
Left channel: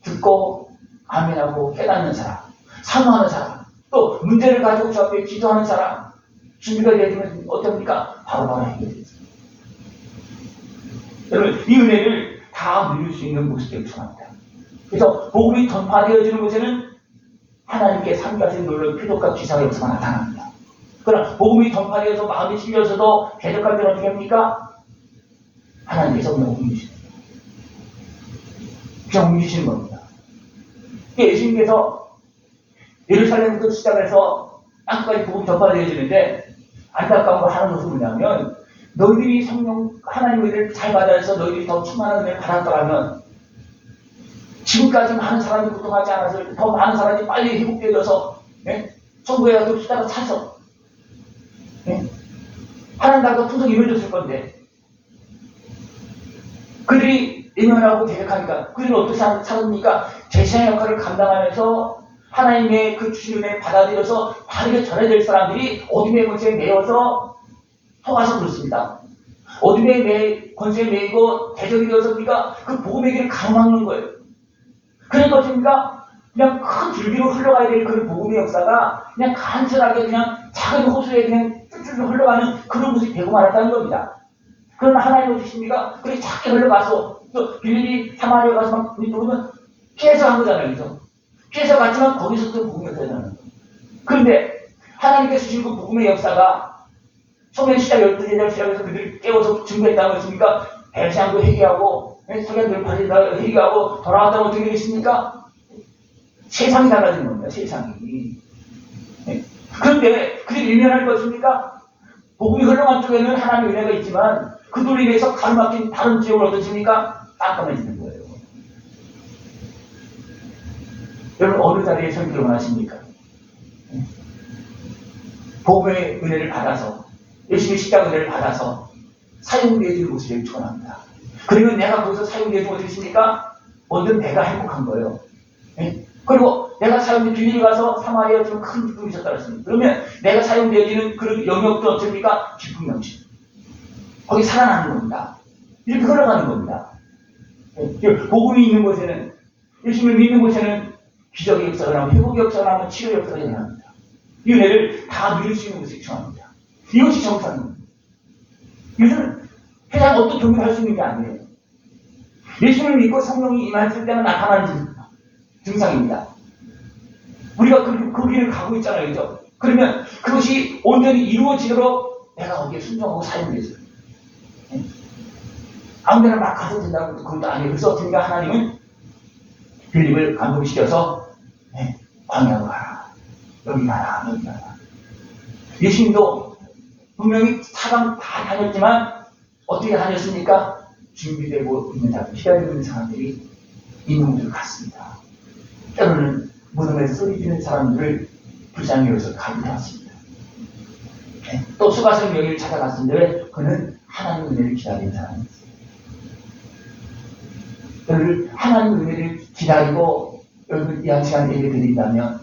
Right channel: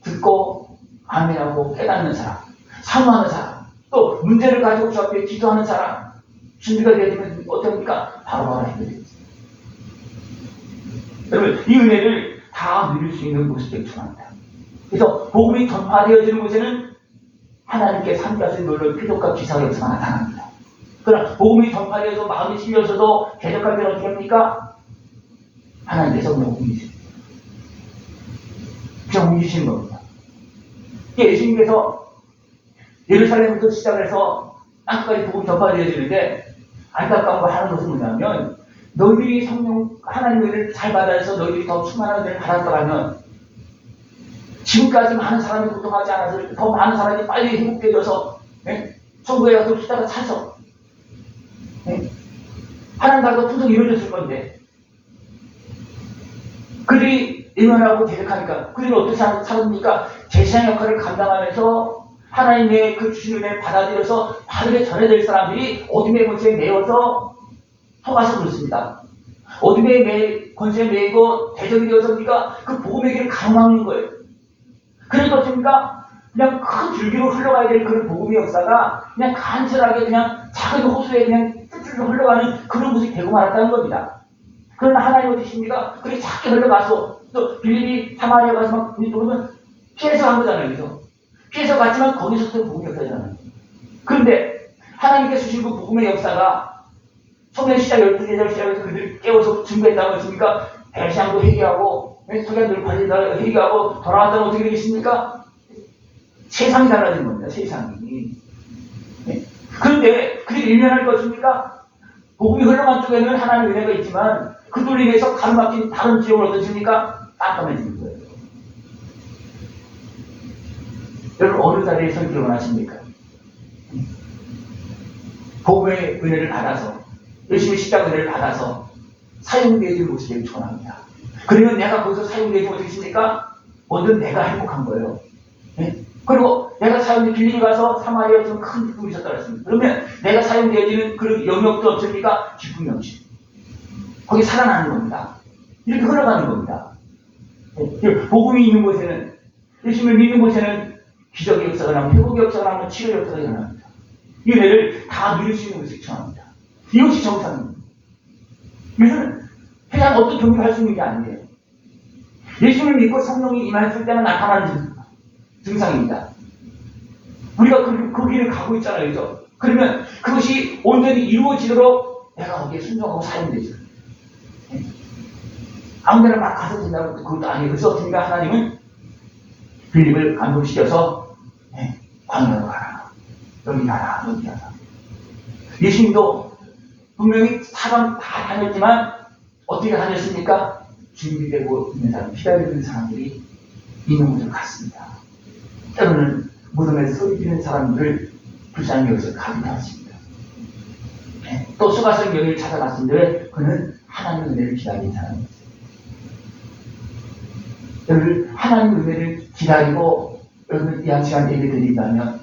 듣고 아멘하고 깨닫는 사람, 사모하는 사람, 또 문제를 가지고 주 앞에 기도하는 사람, 준비가 되면 어떻습니까? 바로바로 해결되죠. 여러분, 이 은혜를 다 누릴 수 있는 모습이 중요합니다. 그래서 복음이 전파되어지는 곳에는 하나님께 삼가시 놀라운 표적과 기사가 역사가 나타납니다. 그러나 복음이 전파되어서 마음이 실려서도 대적할 때는 어떻게 합니까? 하나님께서 그냥 옮기시는 겁니다. 그냥 옮기시는 겁니다. 예수님께서 예루살렘부터 시작해서 땅까지 복음 전파되어지는데 안타까운 거 하는 것은 뭐냐면 너희들이 성령 하나님의 은혜를 잘 받아서 너희들이 더 충만한 은혜를 받았더라면 지금까지 많은 사람이 고통하지 않아서 더 많은 사람이 빨리 회복되어서 천국에 가서 숫자가 차서 하나님 나라가 풍성히 이루어졌을 건데 그들이 일만하고 계획하니까 그들은 어떻게 살았습니까? 제사장 역할을 감당하면서 하나님의 그 주신 은혜를 받아들여서 바르게 전해야 될 사람들이 어둠의 권세에 매여서 속아서 그렇습니다. 어둠의 권세에 매이고 대적이 되어서 우리가 그 복음의 길을 가로막는 거예요. 그래서 어떻습니까? 그냥 큰 줄기로 흘러가야 될 그런 복음의 역사가 그냥 간절하게 그냥 작은 호수에 그냥 쭈쭈쭈 흘러가는 그런 모습이 되고 말았다는 겁니다. 그러나 하나님 어떠십니까? 그렇게 작게 흘러가서 또 빌립이 사마리아 가서 막 누르면 피해서 간 거잖아요. 그래서 피해서 갔지만 거기서도 복음의 역사잖아요. 그런데 하나님께서 주신 그 복음의 역사가 성령 시작 12제자를 시작해서 그들을 깨워서 증거했다고 했습니까? 배신하고 회개하고 성령들 받으다가 회개하고 돌아왔다면 어떻게 되겠습니까? 세상이 달라진 겁니다. 세상이. 그런데 그들이 일면할 것입니까? 복음이 흘러간 쪽에는 하나님의 은혜가 있지만 그들로 인해서 가로막힌 다른 지역을 어떻습니까? 깜깜해지는 거예요. 여러분 어느 자리에 서기를 원하십니까? 복음의 은혜를 받아서 열심히 십자가 은혜를 받아서 사용되어지는 모습을 축원합니다. 그러면 내가 거기서 사용되어지고 어떻습니까? 뭐든 내가 행복한 거예요. 그리고 내가 사용된 빌립이 가서 사마리아 지금 큰 기쁨이 있었다고 했습니다. 그러면 내가 사용되어지는 그 영역도 어떻습니까? 기쁨 영식. 거기 살아나는 겁니다. 이렇게 흘러가는 겁니다. 복음이 있는 곳에는 예수님을 믿는 곳에는 기적의 역사가 나면 회복의 역사가 나면 치료의 역사가 일어납니다. 이 은혜를 다 누릴 수 있는 것이 중요합니다. 이것이 정상입니다. 이것은 세상 어떤 종교를 할 수 있는 게 아니에요. 예수님을 믿고 성령이 임했을 때만 나타나는 증상입니다. 우리가 그 길을 가고 있잖아요. 그죠? 그러면 그것이 온전히 이루어지도록 내가 거기에 순종하고 사용되죠. 아무데나 막 가서 된다고 그것도 아니에요. 그래서 어떻게인가 하나님은 빌립을 감동시켜서 광야로 가라. 여기 가라. 여기 가라. 예수님도 분명히 사람 다 다녔지만 어떻게 다녔습니까? 준비되고 있는 사람, 기다리고 있는 사람들이 있는 곳으로 갔습니다. 때로는 무덤에서 소리 지르는 사람들을 불쌍히 여기서 가기도 했습니다. 또 수가성 여기를 찾아갔는데 그는 하나님의 은혜를 기다리는 사람이었어요. 여러분 하나님의 은혜를 기다리고 여러분 이 한 시간 예배 드린다면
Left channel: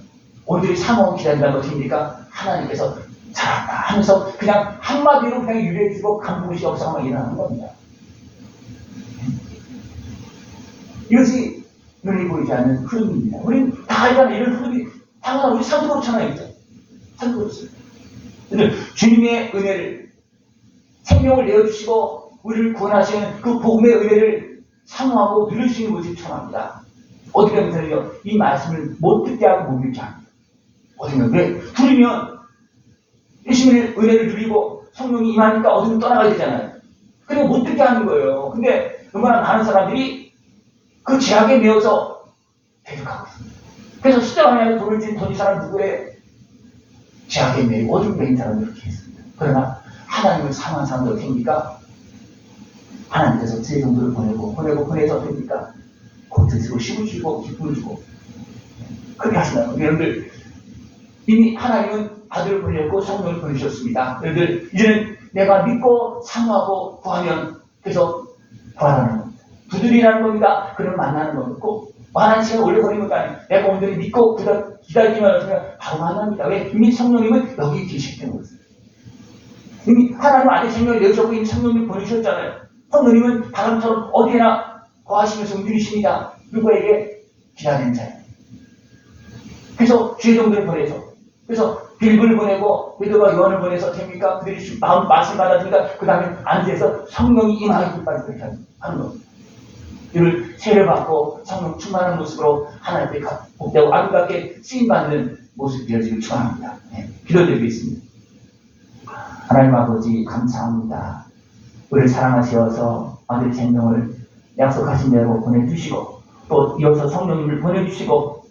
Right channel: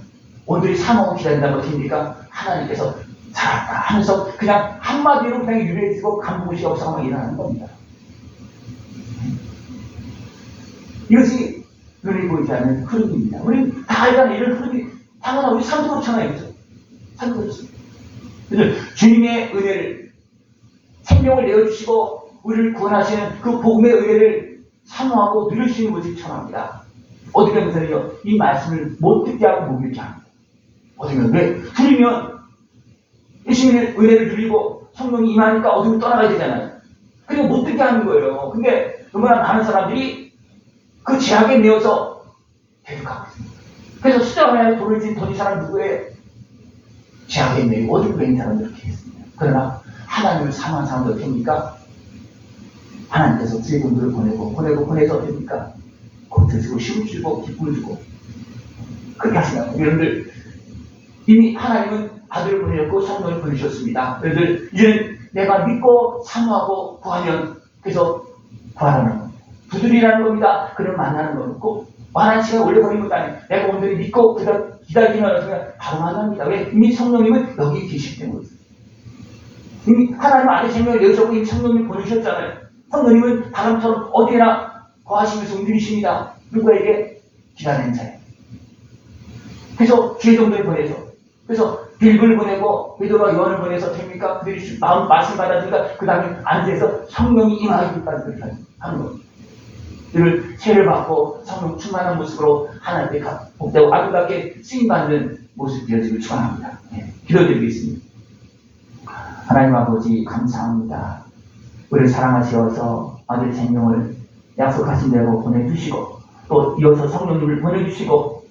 오늘이 사모하고 기다린다면 어떻습니까? 하나님께서 잘한다 하면서 그냥 한마디로 그냥 유래해주고 간부시 없상만 일어나는 겁니다. 이것이 눈에 보이지 않는 흐름입니다. 우리는 다 알잖아요. 이런 흐름이 당연히 우리 삶도 그렇잖아요. 그렇죠? 삶도 그렇습니다. 주님의 은혜를 생명을 내어주시고 우리를 구원하시는 그 복음의 은혜를 사모하고 누릴 수 있는 것이 천합니다. 어떻게 보면요, 이 말씀을 못 듣게 하고 못 믿게 합니다. 어떻게 보면 왜? 들으면 예수님의 은혜를 누리고 성령이 임하니까 어디로 떠나가야 되잖아요. 그리고 못 듣게 하는 거예요. 근데 얼마나 많은 사람들이 그 제약에 매여서 대적하고 있습니다. 그래서 숫자가 돈을 진 더디 사람 누구에 제약에 매이고 어둠에 매인 사람들 이렇게 했습니다. 그러나 하나님을 사랑하는 사람들 어떻게 합니까? 하나님께서 주의 정도를 보내서 어떻게 합니까? 고쳐주고 힘을 주고 기쁨을 주고 그렇게 하시나요? 여러분들 이미 하나님은 아들을 보내셨고 성령을 보내주셨습니다. 여러분들 이제는 내가 믿고 사모하고 구하면 그래서 구하라는 겁니다. 두드리라는 겁니다. 그러면 만나는 거고 만난 시간 오래 걸리는 것 아니에요. 내가 오늘이 믿고 기다리기만 하면 바로 만납니다. 왜? 이미 성령님은 여기 계시기 때문에 이미 하나님 아들 생명을 내주셨고 이미 성령님 보내주셨잖아요. 성령님은 바람처럼 어디나 거하시면서 움직이십니다. 누구에게? 기다리는 자예요. 그래서 주의 종들을 보내서, 그래서 빌브를 보내고 베드로와 요한을 보내서 됩니까? 그들이 마음 맛을 받아들이다 그 다음에 안에서 성령이 임하기까지 그렇게 하는 겁니다. 이를 세례를 받고 성령 충만한 모습으로 하나님 앞에 복되고 아름답게 쓰임받는 모습 되어지길 축원합니다. 네, 기도드리겠습니다. 하나님 아버지 감사합니다. 우리를 사랑하셔서 아들의 생명을 약속하신 대로 보내주시고 또 이어서 성령님을 보내주시고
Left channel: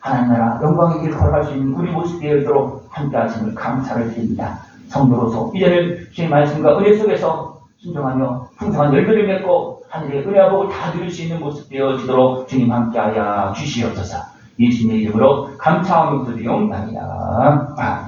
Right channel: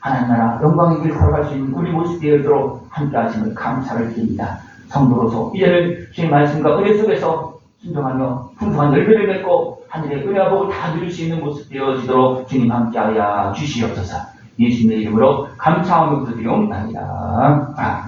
하나님 나라 영광의 길을 걸어갈 수 있는 우리 모습 되어도록 함께 하심을 감사를 드립니다. 성도로서 이제는 주의 말씀과 은혜 속에서 순종하며 풍성한 열매를 맺고 하늘의 은혜와 복을 다 누릴 수 있는 모습 되어지도록 주님 함께하여 주시옵소서. 예수님의 이름으로 감사하며 기도드리옵나이다.